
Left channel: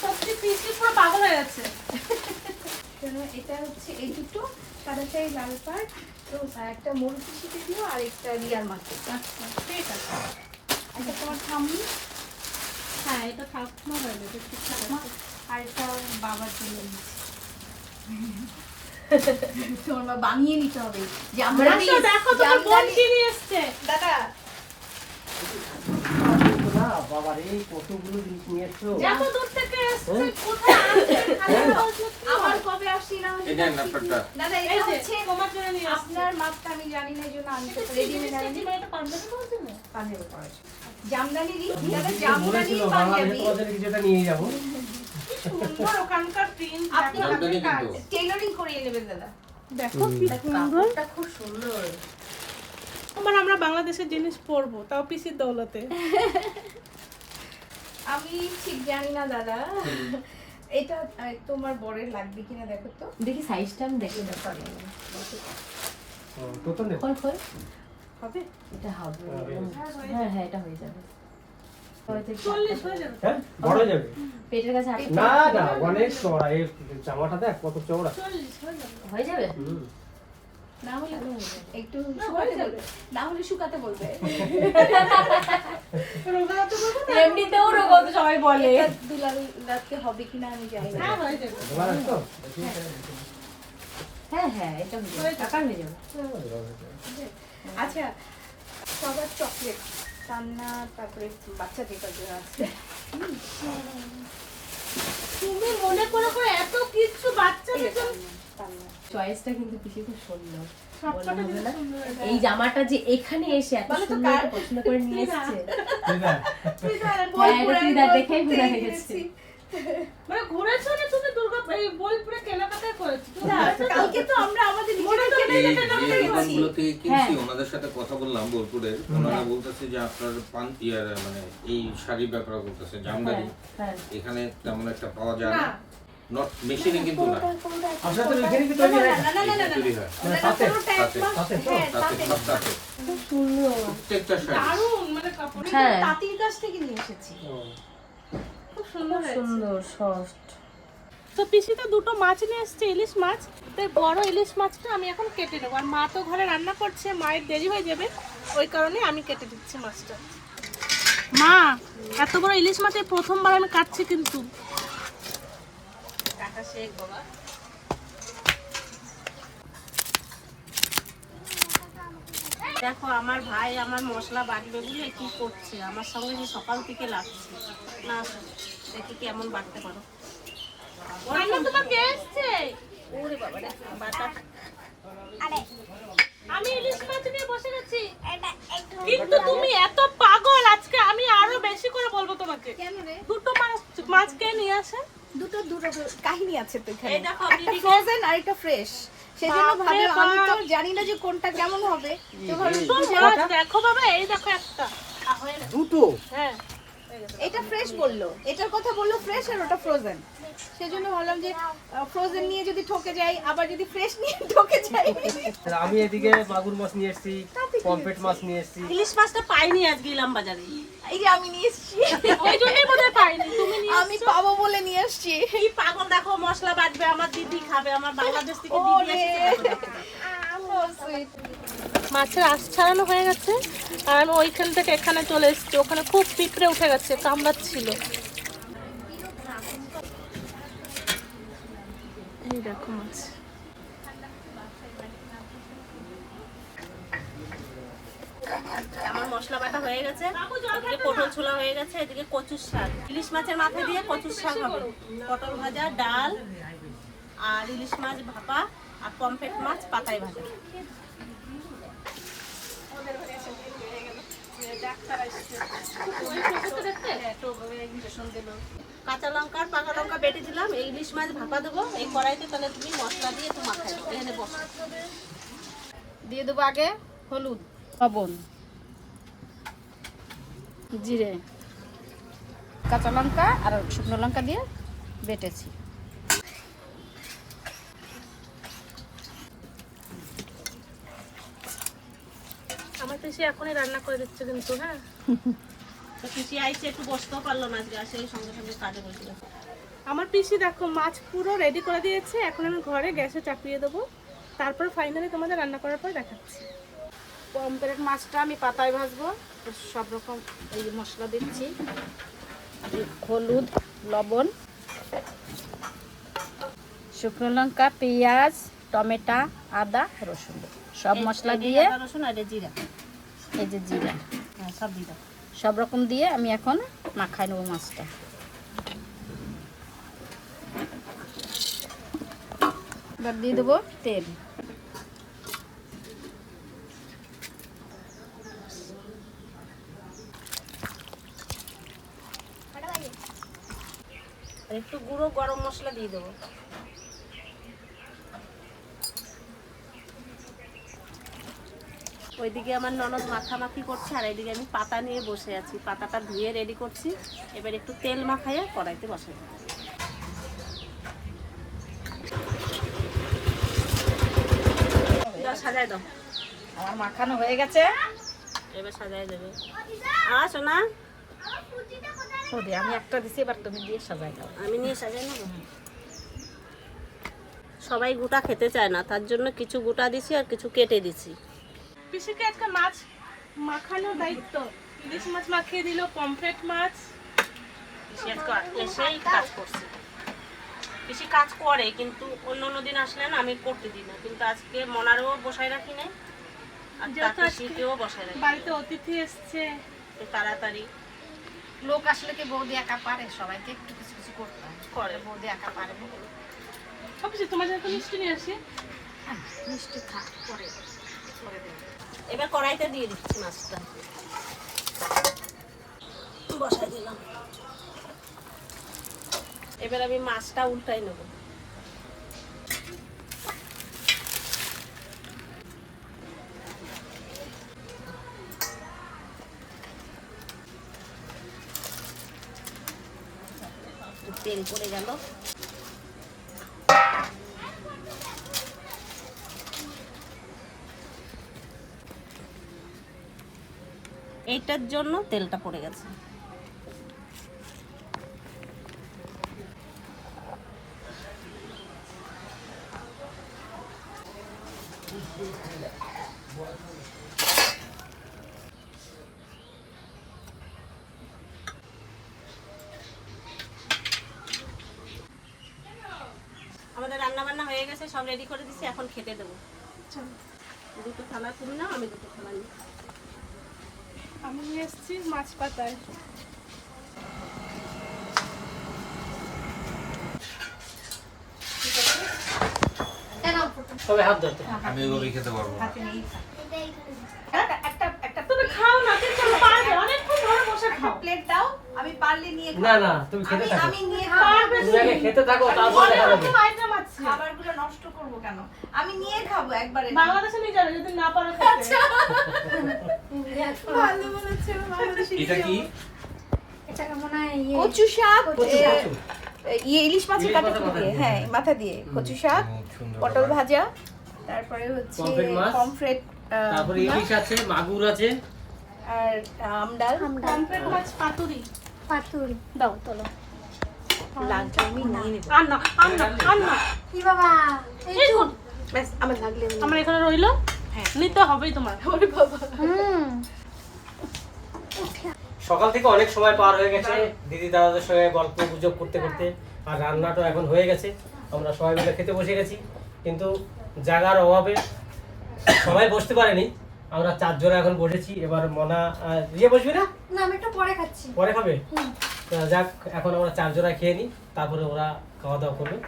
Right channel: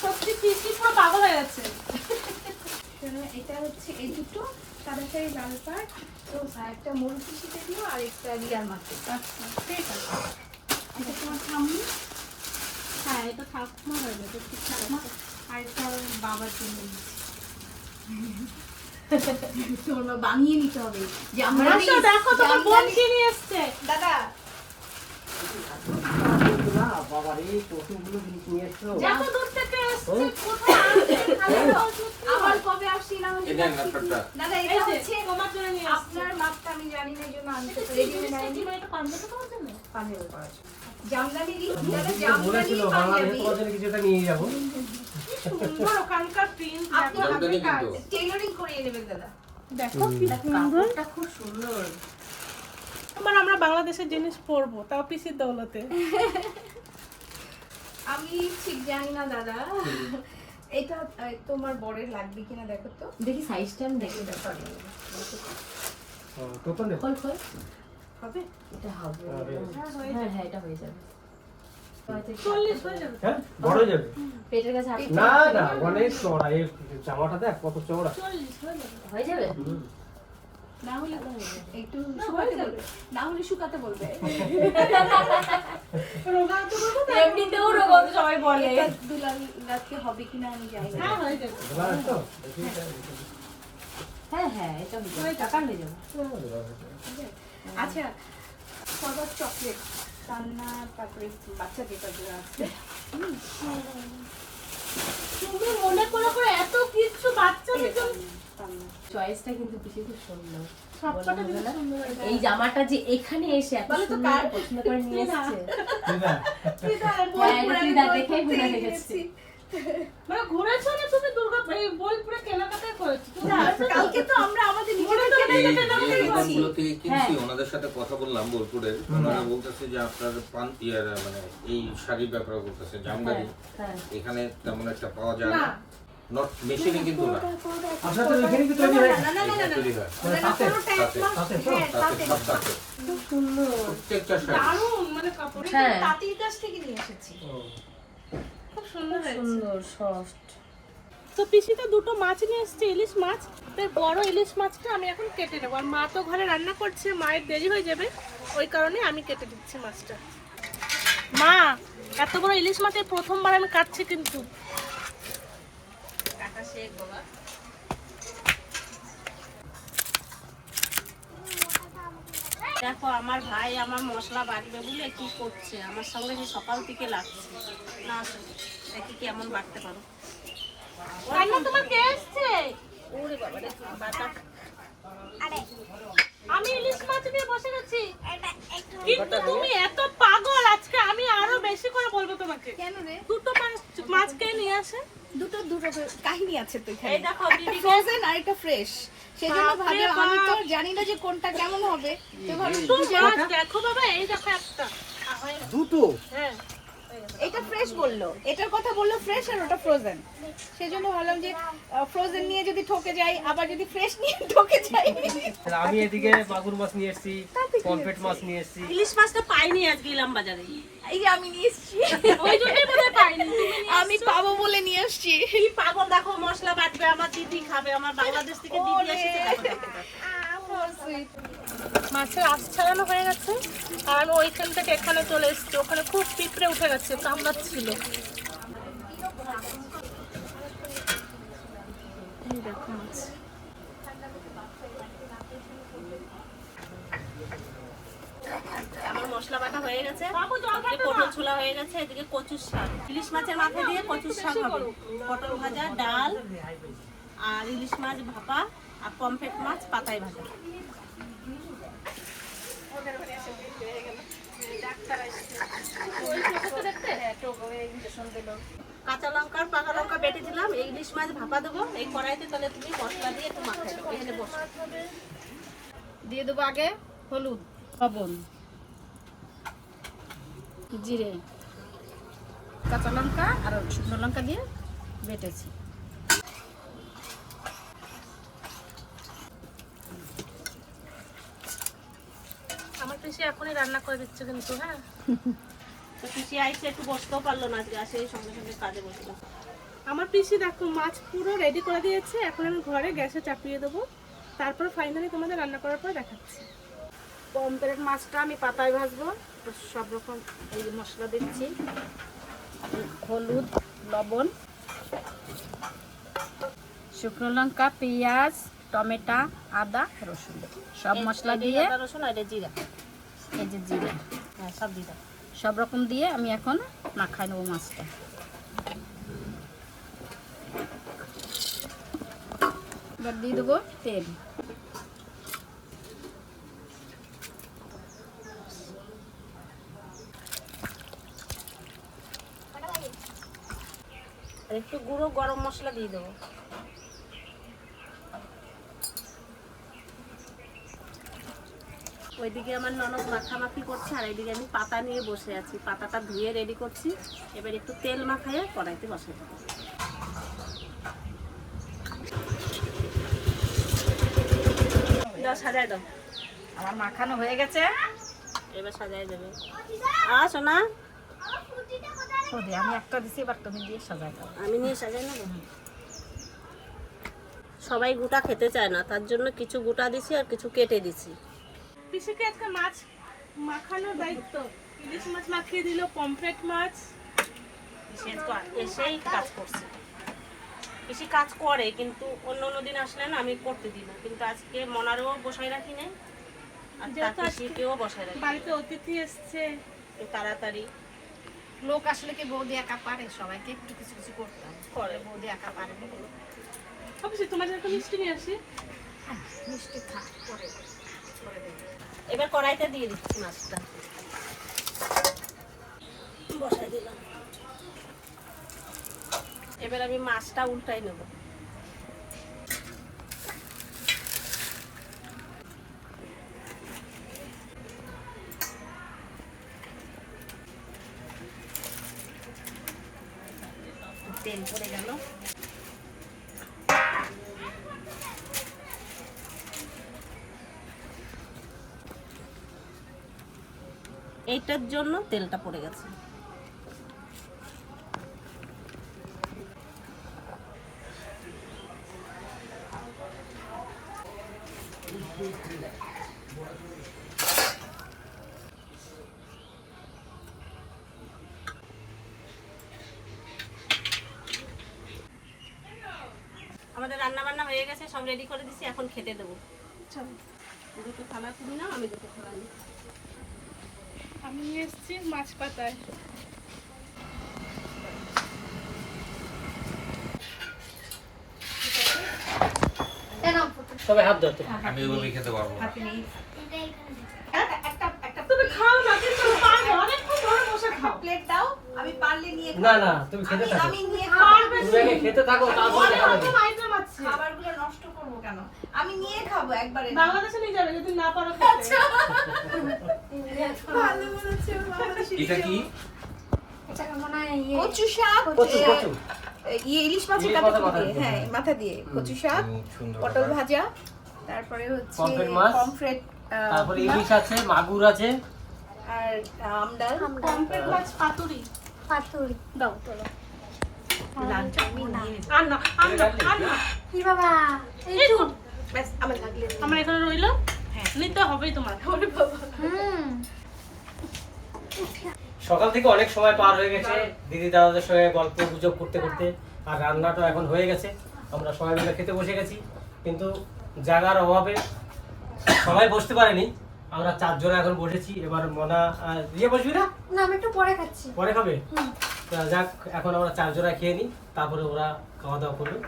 সত্যি পিসি পুরো পাগল হয়ে যাচ্ছে। এটা হচ্ছে এই দুটো সাদা শাড়ি, লাল পাড়, তো একটা মরুতি শীতে দিও আর একটা রিয়াল মার্কেট। আচ্ছা ঠিক আছে। আচ্ছা তোমার ঠাম্মি, হ্যাঁ এটা ঠাকুমা হয়ে যাবে, ঠাকুমা। আর এটা বাবার জন্য তোমার মা বানিয়ে নিতে হবে যে আমরা দেখো তোমার বোন কি নিয়ে এসছে। দাদা বাবা রে, কতগুলো জিনিস নিয়ে এসছো। যত দূর থেকে এসছে, কোথায় আসছে, আবার কবে আসছি না এটা ব্যাপারটা দাদা, এই এটা যে হচ্ছে তোমার জন্য নিয়ে আসছে। আপনার মাপটা আমি জানি না, এই জন্য আমি রেডি হয়ে এটা পাঞ্জাবি করার জন্য? পাঞ্জাবি করার জন্য। জামদানিরই যারা জামদানি বলেছিল বাংলাদেশে তোমার জন্য কিছু একটা নিয়ে যাবো। সুন্দর ওখানকার প্রিন্ট আপনি জামদানি আপনার কাজ কিন্তু। টেইলরিং করিয়ে নেবেন দাদা। দেখো কি সুন্দর। কাপড়টা খুব সুন্দর। আমরা বাংলাদেশের জিনিস পরবো, তাও পিসির দৌলতে। আমি ঠিক জানি না দাদা, এটা তোমার বরের লাগবে কিনা দেখো তো। দেখি সাইজটা আমি দেখে ব্যাপার তোতন দে। খোল খোল। হবে এটা হবে। হবে। হ্যাঁ হ্যাঁ এটা হয়ে যাবে। 40 হয়ে যাবে। হ্যাঁ বড় হয়ে যাবে। পেটের কাছে না না অনেক চওড়া, এই জামাটা দেখ কত চওড়া। 40 হয়ে যাবে। হয়ে যাবে। না হলে একটু শুকাতে বলবে, না হলে শুকাতে বলবে। রোগাতে বলবো না? এমনিতেও রোগ সবাই বলে। এটা দুলাল রাতকে হবে কিনা আমি জানি না। হ্যাঁ হয়ে যাবে। ভালো আছে তো? হ্যাঁ হ্যাঁ এটা হয়ে যাবে। টাকা হয়ে যাবে। আচ্ছা, সবার চকলেট কান্না, তারপরে বাচ্চা যেটা যেটা আছে। তুমি মনে করে এত কিছু বাচ্চাদের জন্য কান্না চয়েসটা কিন্তু পিসি খুব সুন্দর। সবকটা বলা জিনিস হবে না? সুন্দর হয়েছে। এই জামাটা যে এখানে এসে এত বলো তো সুন্দর কার? পছন্দ করে নিয়ে এসেছে। ঠিক আছে। হ্যাঁ এটা দিদা দেখেই বোঝা গেছে। মানে ঘুরেছো না তুমি এই বোলপুরে কেনাকাটা করেছো? তুমি না, ঘুরেছো তো? কালকে তো আমরা আমাদের মনে নিজেদের তো এই নেই যে যেটা আমরা দোকানগুলো থেকে কিনছি হ্যাঁ। ওনাদের সাথে কথা বললাম বোলপুরের, ওনারা বলতেছে যে আপনার মানে এই শাড়ির ব্যাপারে বলতেছে জামদানি হ্যাঁ এখানে তেমন একটা পাওয়া যায় না। না, নট মেশিনে কিন্তু না, আচ্ছা তো এখানে কি তৈরি হয়? না না না না না তৈরি হয় মানে ওনারা তাতে? পুরোটা তাতে? একদম তাতে তো? হ্যাঁ তাতে তাতে সব তাতে খুব সুন্দর। প্রত্যেকটা শাড়ি দারুণ মানে কাপড় হ্যাঁ তাঁতির কাছ থেকে নিয়ে এসেছি। ও, খুব সুন্দর হয়েছে। সুন্দর সফট। তো পিসি তো দুটো মাছ নিয়ে এসছে, ইলিশ মাছ। তাই বড় ইলিশ মাছটা আমি এখন কেটে নেবো। আর মা তো ঘরে রান্না করছে, মায়ের দেরি হয়ে যাবে, ওই কারণে আমি কেটে দিচ্ছি মাছটা। মা এত বড় ইলিশ মাছের প্রথমবার আমি কাটছি কিন্তু। দেখো আমার ভাই আমার মশলা বাটবে বলে কি করছে, আমার সঙ্গে যে সকাল থেকে লাগছে না। দেখি কেমন বাটতে পারো। ওরে বাবা রে, বাটা। আমি ইলিশ মাছ নিয়ে বসে গেছি, কিন্তু তুমি এত পাগল, আজকে আমি আরো বেশি করে বলবো তোমাকে। কেন রে? দুটো মাছ কে নিয়ে আসে? দুটো কাহিনী আছে তো এখানে। এই দেখো, একটা দিদিকে- ফ্রোজেন আর একটা ফ্রেশ। সেজন্য বাপরে ভাবে আমি তো বাপ। জানি না যে কোনটা কেমন হবে। তো ভাবলাম দেখো বাবা, এই দেখো একটা দুটো হ্যাঁ এটা ফ্রেশ বললো, এটার কথা বললো ফ্রেশ আর ওটা ফ্রোজেন। সেজন্য ভাবলাম যে ফ্রোজেন নিয়ে যদি ঠকে যাই, আবার যদি ফ্রেশ নিয়ে ঠকে যাই। আমি এদিকে মাগুর মাছ নিয়ে এসেছি, পমফ্রেট মাছ নিয়ে এসেছি। ইলিশ মাছটা পাইনি আজকে ইলাম বাজারে, এই যে আমি নিয়ে এসেছি, ওই জন্যই বোধহয় পাইনি। তুমি নিয়ে আমি পাবো বলে নিয়ে এসেছি। কি পাগল, দেখো মশলা বাটবে, আমার দিদি খাবে, আমার বাংলাদেশ থেকে দিদি এসেছে। দেখো, দেখো। মাছের আঁশ ছাড়ানো হয়ে গেছে, আর আমি ওইখান থেকে এখানে চলে এসেছি। ওখানে খুব পিঁপড়ে উঠে গেছে, কামড়াচ্ছিল। এই দেখো মাছ। আমার মশলা বাটা হয়ে গেছে, এদিকে পটল ছোলা হয়ে গেছে, এদিকে কচুর শাক। ইলিশ মাছের মাথা দিয়ে কচুর শাক হবে, পটল ভাজা, ডাল, আর ইলিশ মাছ ভাপা, আর পমফ্রেট মাছ পাতায় ভাজা। কাঁচা লঙ্কা পাকা লঙ্কা বেটে দিলাম, এই ইলিশ মাছ ভাপা দেবো এই কড়াইতে। তাহলে তুমি মশলা দিয়ে একটু মাখাই দাও, এখানে বসো। দিয়ে দেবো আগে হলুদ, লবণ, জিরে, কাঁচা লঙ্কা আর শুকনো লঙ্কা দিয়ে বেটেছি। আমার পিসি এখনই রান্না করে দিচ্ছে কিন্তু। হ্যাঁ তো পিসি আইসে একটু বসতেও পারলো না আজকে, আসে সঙ্গে সঙ্গে কাজে গেছিলাম। আমার পিসি দেখো মাছ পুরো রেডি করে দিয়েছে, এখন আমি ঘরে গ্যাসে চাপিয়ে দেবো, তারপর ফাইনালি তোমাদের রান্না করার পর দেখাচ্ছি। পমফ্রেট মাছটা আমি পাতায় ভাজবো, সব রকম এই মশলা দিচ্ছি, হলুদ, লবণ, শুকনো লঙ্কা, পেঁয়াজ, টমেটো, আদা, রসুন, সব মশলা দিয়ে, আদা রসুন আর এই জিরা, এই যে জিরা, হ্যাঁ সব দিদা। সব রকম দিয়ে আমি এখন মাখাই নেবো মাছটা। এবার দিয়ে দেবো তেল, আর একটু গুঁড়ো গরম মশলা দিয়ে দেবো। ওইদিকে আমার ননদ মাখামাখি করছে আর এইদিকে আমি পাতা নিয়ে বসে আছি, পাতাটা ধুয়ে রেডি করছি। এবার একটু তেল মাখাইয়ে কড়াইতে বসাই দেবো। দাও সাজাই দাও, আমার মাখানো হয়ে গেছে। এবার সাজাই দেবে। শোনা আমি একটা দিছি, এবার তুমি দিয়ে সাজাই দাও। আমি নিয়ে সাজাই নেবো। সবাই গোটা খেতে চায় না, তার জন্য কিছু গোটা দিছি আর কিছু কেটে দিছি। পিসিকে একটা মাছ মাখানোর দায়িত্ব, ইলিশ মাছ মাখিয়ে দিল, পমফ্রেট মাছ। এসেই কাজ করছে, বেশি কাজ করে, কিন্তু অন্য অন্য দিন আসলে না আমি করতে দিই না, কিন্তু আজকে মনারও বসাই রাখি নাই আর পিসিকেও বসাই রাখি। বাড়িতে অতিথি এসছে, তাড়াতাড়ি লোক আসলে কি বৌদি একা পারে? সবাইকে একটু কিছু কিছু করতে হয়। করে। বৌদি একা পারে না। অবশ্যই তোমার জন্য একটু মিষ্টি নিয়ে আসি। মিষ্টি থাক, পরে করে দেবে। এবার কড়াইতে দিয়ে দিচ্ছি মাছটা, বসাই দিলাম। এবার আমি মাছটা উল্টাই নেব। তেল পড়ে গেল। এইটার জন্য তেলটা পড়ে গেছে। আমাদের রান্না বান্না হয়ে গেছে, সব রেডি করে দিছি, এখন খেতে দেবো। দুটো থালা তুমি নাও, আমি দুটো থালা নিই। আমি নিয়ে এসেছি মাছ পাতায়। সবাই হাত ধরতে। আমি ওইভাবেই খেতে পারবো না। তুমি খাও না, কিন্তু পারবে, অনেকক্ষণ ধরে বসে খাও। প্লেট দাও, আমি পারলে নিয়ে না না, তুমি খেতে থাকো, আমি নিয়ে খাবো। তুমি আগে খেতে থাকো, তারপর দেখা যাবে। আইটেম আছে, খাবারগুলো নষ্ট করবো কেন? আমি নিয়ে খাবো একবারে। বাংলাদেশে নিয়ে যাবে যদি না পারো খেতে। ভালো বলেছো, বাংলাদেশে এটা কি? কচু শাক, কচু কচু ইলিশ মাছের ইলিশ কাটা মাছের মাথা দিয়ে, দিয়ে। হ্যাঁ মাথা দিয়ে কচু শাক, সুন্দর পটল ভাজা, তারপরে হচ্ছে পমফ্রেট মাছ, পমফ্রেট, তারপরে ইলিশ আছে, মাগুর আছে, আর আমডাল। পমফ্রেট মাছ পাতুরি। দাও তোলো। আনো আনো আনো। এই তো, ব্যাস, আমার লাগলে আমার এখানে রইলো, নিতে হবেই তোমার। সকাল থেকে অনেক সময় পার হয়ে গেছে দিদি দাদাদের সঙ্গে গল্প গুজব করতে করতে, আর রান্নাটা এখন হয়ে গেছে। আমরা সবাই মিলে খেতে বসে গেছি, কিন্তু জায়গার অভাবে সবাই বসতে পারেনি। আমরা 4 জন এখন বসেছি। এবার মনা দিয়ে বসবি না? না, আমি একটু পরে খাচ্ছি। পরে খাবে? তো যাক, এখন আমরা 4 জনা খেয়ে নিই, তারপরে ওরা খাওয়া দাওয়া করবে।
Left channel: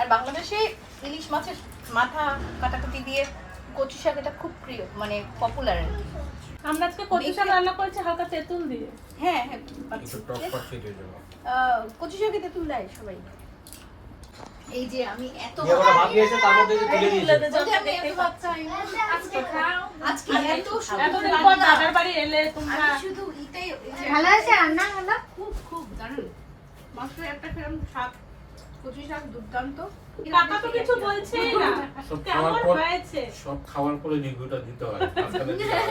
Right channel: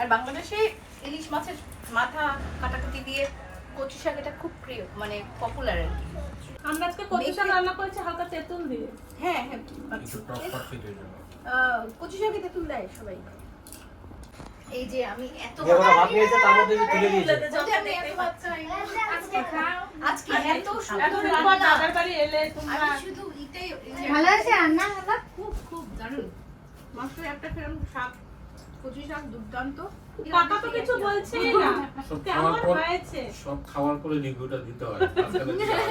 আর বাংলাদেশে ইলিশ মাছের মাথা কাটাকাটি দিয়ে কচু শাক, এটা খুব প্রিয়, মানে পপুলার আর কি। আমরা আজকে কচু শাক রান্না করেছি হালকা তেঁতুল দিয়ে। হ্যাঁ হ্যাঁ, একটু টক পাচ্ছি তো এই জন্য। কচু শাকে তেঁতুল দেয় সবাই। এই যে আমি এত দিয়ে ওরা ভাত নিয়েছে, তার মধ্যে যে তুলে দিয়েছে। বলতে আমি এত বাচ্চা আজকে খাও, আজকে এত এতদিন পর যাদের বাড়ি এলে তোমরা। আমি শুধু এটাই ভালো আছে রান্না হলো? খুব খুব দারুণ মশলা একটা ফেরম শাক, কচু শাক দুর্দান্ত। কাকা তো কিছু বলছেই না, সব কেমন খাওয়ার পর হয়েছে? সব খাওয়ার পরে রিভিউটা দিতে হয়। তাহলে কি হয়?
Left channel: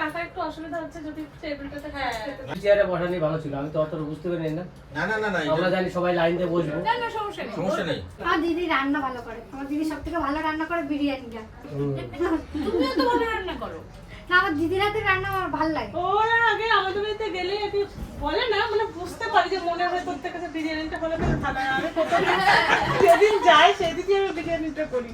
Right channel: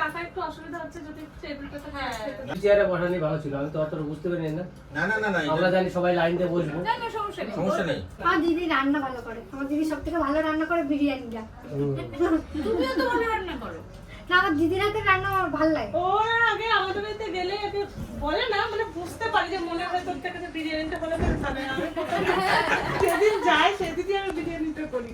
কাকা একটু অসুবিধা হচ্ছে যদি টেবিলটাতে চেয়ারে বসানি ভালো ছিল, আমি তো অতটা বুঝতে পারি না। না না না না, আমরা জানি সবাই লাইন দিয়ে বসবো। না না, সমস্যা নেই। সমস্যা নেই। আমার দিদি রান্না ভালো করে। আমার দিদি সব থেকে ভালো রান্না করে বিরিয়ানিটা। তুমিও তো ভালো রান্না করো। না, আমার দিদির হাতের রান্না আমার ভালো লাগে। ওরা আগে আমাদের বাড়িতে গেলে একটু বলে না, মানে বুঝতে পারি যে মনের ভেতর থেকে যে বিরিয়ানিটা হলে খুব ভালো হয়। আমি প্রথম যেদিন যাই সেদিনই আমি বিরিয়ানিটা করি।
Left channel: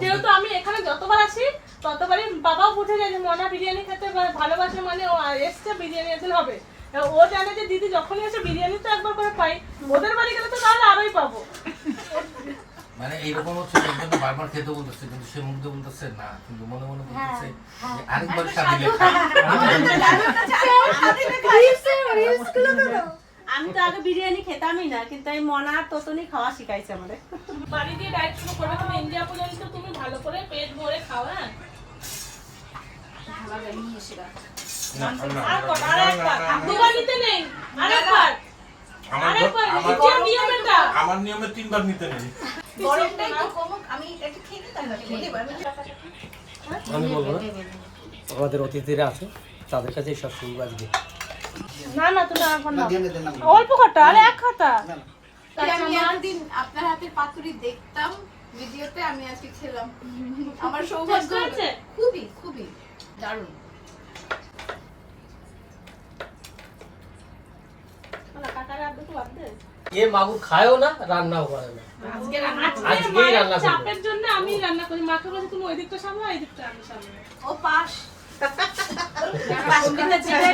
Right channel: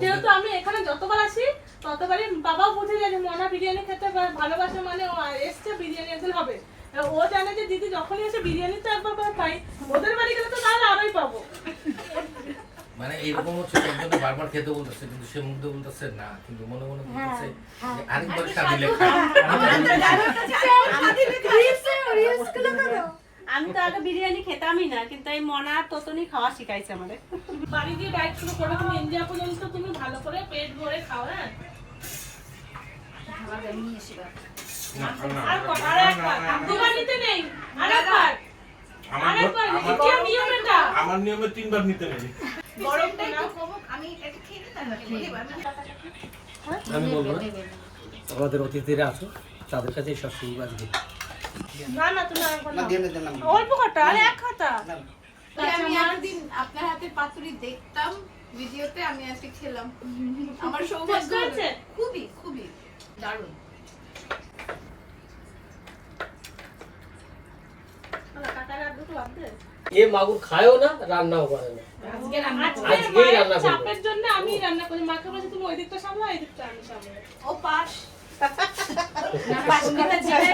যেহেতু আমি এখানে যতবার আসি ততবারই বাবাও বুঝে যায় যে মনা বিরিয়ানি খেতে ভালোবাসে, মানে ও এসছে বিরিয়ানি একদিন হবে। এবার ও জানে যে দিদি যখনই এসে বিরিয়ানি তো একবার করে পাই, ওদের বাড়ি গেলে তো তাহলে আরোই পাবো। মানে এইরকম হচ্ছে একজন বারবার খেতে বলতেছে কিন্তু সে মুখ দিয়ে বলতেছে না, কিন্তু মনে মনে বলতেছে যে আরেকবার স্বাদিলে আমি তো আগে বিরিয়ানি খেতামই না, কিন্তু এই মনা ততনি খাওয়া শিখাইছে আমাদের। বাড়ি দিয়ে ডায়েট শুরু করবে তুমি, ইন্ডিয়া পর্যন্ত তুমি ভালো করে পেট ভরে খাও। হ্যাঁ, আর কত? আরেকবার দুবার নিতে নেই, আরেকবার আরেকবার নিচে নিয়ম এটা। আমার নিয়মে 3 বার নিতে নেই। গরমটা একটু কমুক, আমি একটু খেয়ে নিই তারপরে বলি। আমি বলবো না, আমাদের অতিথিরা আছে তাদের কাছে সব শুরু আজকে। না না, তুমি আর না, অল্প খাটা, আর এক খাতা। আমি এতদিন আপনার হাতের পাতুরি দেখতাম ভিডিওতে, আমি আজকে খেলাম। আমার সৌভাগ্য হয়েছে? খুবই খুবই দারুণ। না, কাকার আর দুটো বাদ দে। এ মাগুর খায়ও না, রান্নাও করে না। আজকেই রান্না করবো। চাপের জন্য আমি রান্না করি, মাকে বলছি তুমি ওই দিকটা সামলাও, এই দিকটা আমি সামলাই। ও পাশ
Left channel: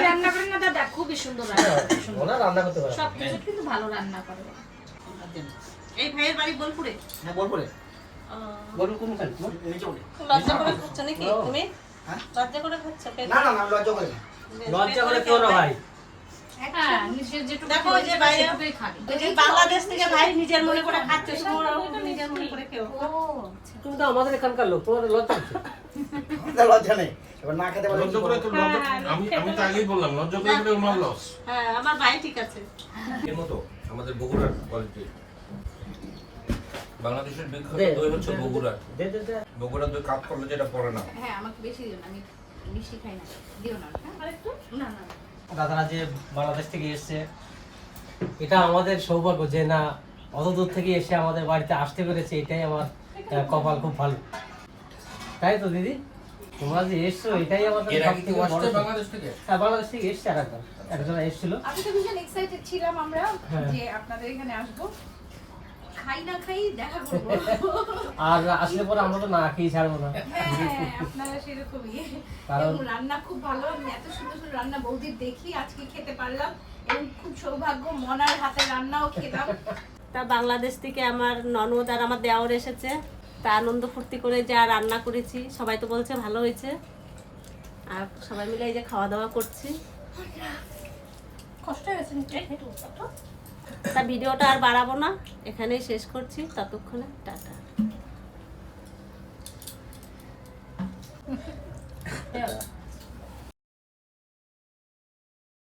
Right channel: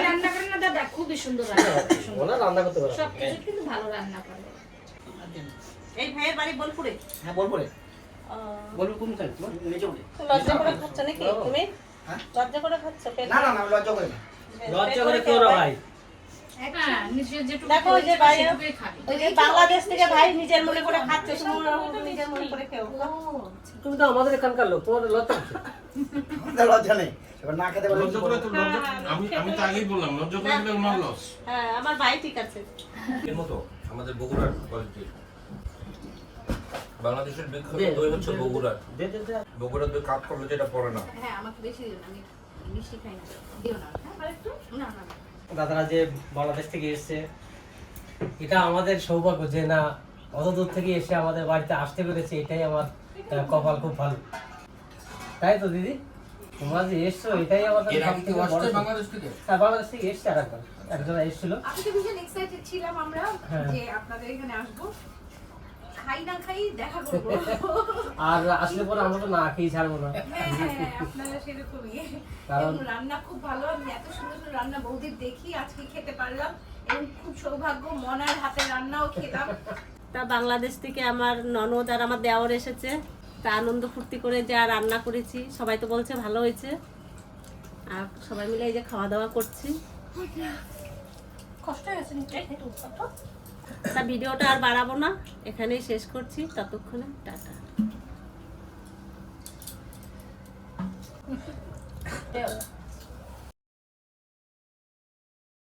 রান্না করেন না দাদা, খুবই সুন্দর রান্না করে। ওরা রান্না করতে পারে না। সবকিছু কিন্তু ভালো রান্না করে। এই ভাইয়ের বাড়ি বোলপুরে। হ্যাঁ, বলবো বলবো কোনখানে? নিচে উঠে। লজ্জা করে খাচ্ছ নাকি তুমি? লজ্জা করে খাচ্ছ? না না না, লজ্জা করে না। লজ্জা করে কেউ না ভাই। হ্যাঁ, নিজের যেটুকু দেখো ওই যে বাইরে সেটুকুই খাবে। ওই যে বাংলাদেশ থেকে ভাই নিজের মনে করে খাচ্ছে, তোমরাও নিজের মনে করে খেও। তুমি তো আমাদের এখানকার লোক, তোমার লজ্জা হচ্ছে? লজ্জা নেই, এবার না খেতে পারলে লজ্জা করে তো আমি তো আগেই বললাম লজ্জা করে দিলে আমার লস। হ্যাঁ, আমার ভাই ঠিক আছে। এর মতো আমাদের বগুড়ার কোয়ালিটি, বাংলাদেশের বিখ্যাত দই হচ্ছে বগুড়ার। দে দে দে। বগুড়ার দই কাপ করলে যেটা পড়ে না। হ্যাঁ, আমাকে বেশি দিও না, আমি মিষ্টি খাই না, দিও না। হ্যাঁ, আরেকটু না না দাদারা যে বাংলাদেশ থেকে এসছে, এটা আমাদের সৌভাগ্য যে না অত দূর থেকে এসে আমাদের বাড়িতে আসতে পেরেছে, এটাই আমার কপাল খুব ভালো। তাই তো দিদি, তোমরা যে এসছো এটাই আমাদের এর আগে সবথেকে কেউ বড় আসছে কিছু। বাংলাদেশ থেকে? হ্যাঁ, বাংলাদেশ থেকে এসছে একজন এসেছিল। আমি তো ভীষণ এক্সাইটেড ছিলাম আমরা হ্যাঁ। যে আপনাদের এখানে আসবো, খাই না খাই দেখা করবো। আর আসলে পরে আমরা তো না খেয়ে ছাড়বো না। হ্যাঁ হ্যাঁ, আপনারা সেরকমই। কারণ- এবং রান্না খুব ভালো, আমি এত সুন্দর সুন্দর রান্না বৌদির দেখি আজকে খেতে পারলাম, এবং খুব সৌভাগ্য মনার হাতে রান্নাও খেলাম। তা বাংলাদেশ থেকে আমার ননদ আর আমার দেওর এসেছে, তা আনন্দ ফুর্তি করে যা রান্না করেছি সবাই তো বলছে ভালো হয়েছে, আর সবাই মিলে এই যে খাওয়া দাওয়া করছি। কষ্ট হয়েছে নাকি? তা ভিডিওটা আর বাড়াবো না, এখানেই শেষ করছি, ততক্ষণে টাটা।